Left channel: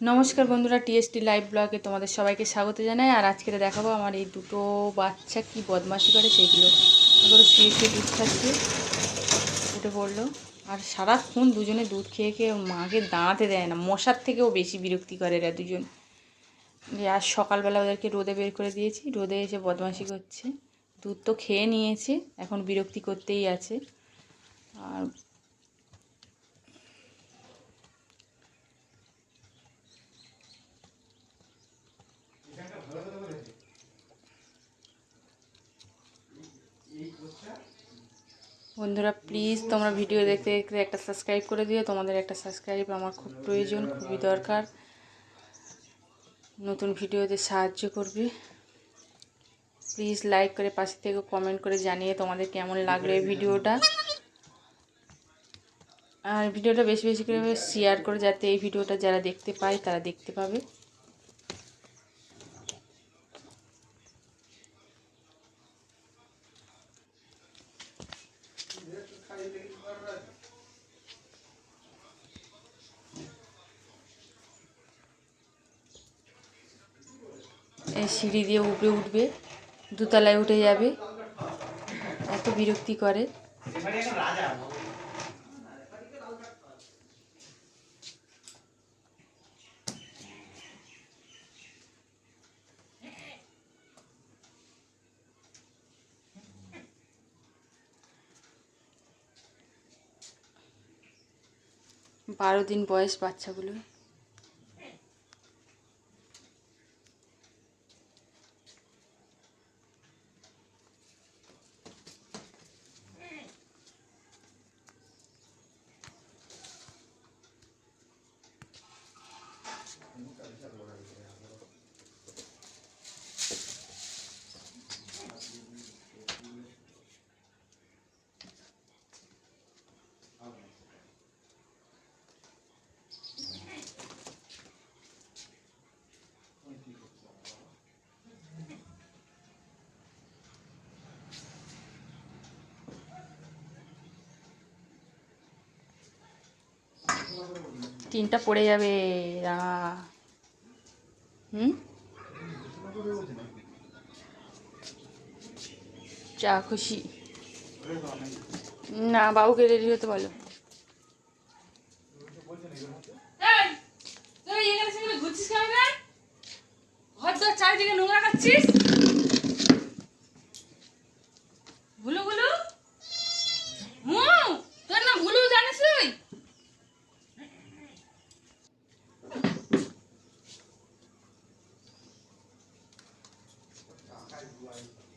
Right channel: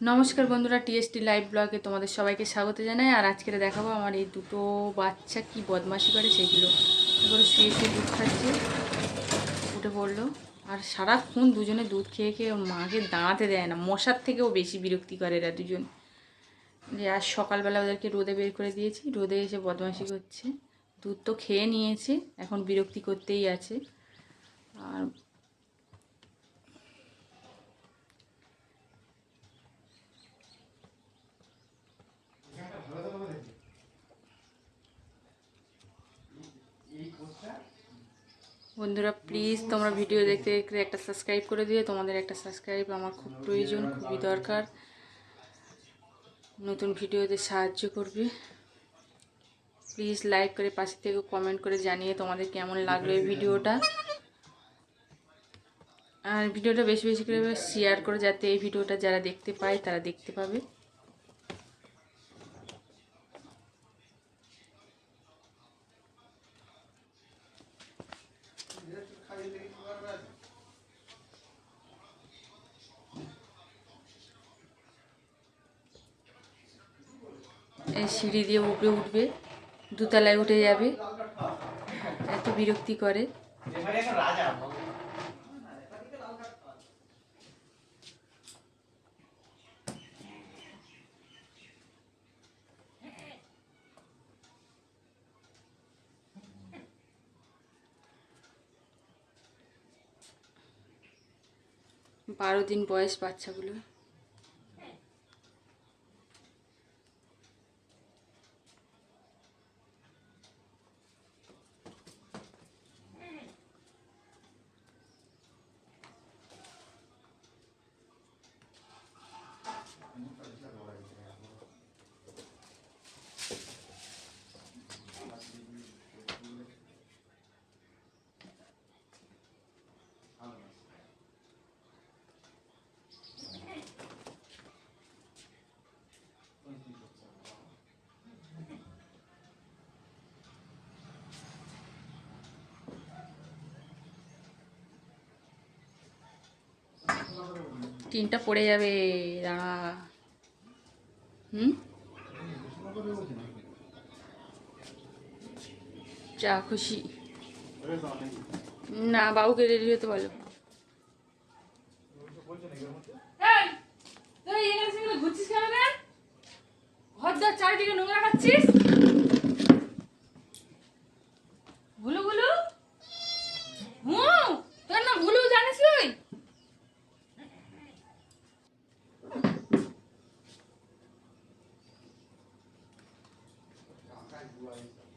নমস্কার বন্ধুরা, TST live ব্লগে তোমাদের সবাইকে স্বাগত জানাই। আর আজকে দেখাবো আমার এই দুটো বাচ্চা কি বদমাশি করে সেইগুলো এবার শুয়ে শুয়ে দুধ খাচ্ছে। উঠে পড়ল। আর সারাক্ষণ দুজনে দুধ খেয়ে খেয়ে মাকে দাঁড়াতে দেয় না। মশার থেকেও বেশি বিরক্তি করে এরা দুজন। যে আজ সকালবেলা ওদেরকে রোদে বের করে দিয়েছি। রোদে এসে বদমাশি করছে। দুধ তো খেয়ে নিয়েছে। এখন বিরক্তি করতেই আছে। আর বন্ধুরা প্লিজ তোমরা ভিডিও দেখতে দেখতে একটা সাবস্ক্রাইব করে দিও। তোমাদের একটা সাবস্ক্রাইব আমার খুব প্রয়োজন, খুবই দরকার। নতুন ভিডিওতে সাহায্য করবে। প্লিজ লাইক করে পাশে থেকে কমেন্ট করে জানিয়ে তোমাদের কেমন লাগল এই ভিডিওটা আর ভিডিওটা বেশি বেশি করে শেয়ার করে, যাতে এই ভিডিওটা যারা দেখতে পায়, তারা দেখতে পাবে। সিঁড়ি দিয়ে উপরে উঠবে দুতলায় উঠে যাবে। এত বিরক্তি করে। বারো দিন বয়স বাচ্চাগুলো টিনটা পড়ে যাবে, দাঁড়া। হুম? যা খুশি। না, বাবুকে রেডি হতে বলো। ঘুরছিস কেন ঘর চারিদিকে নোংরা maestro.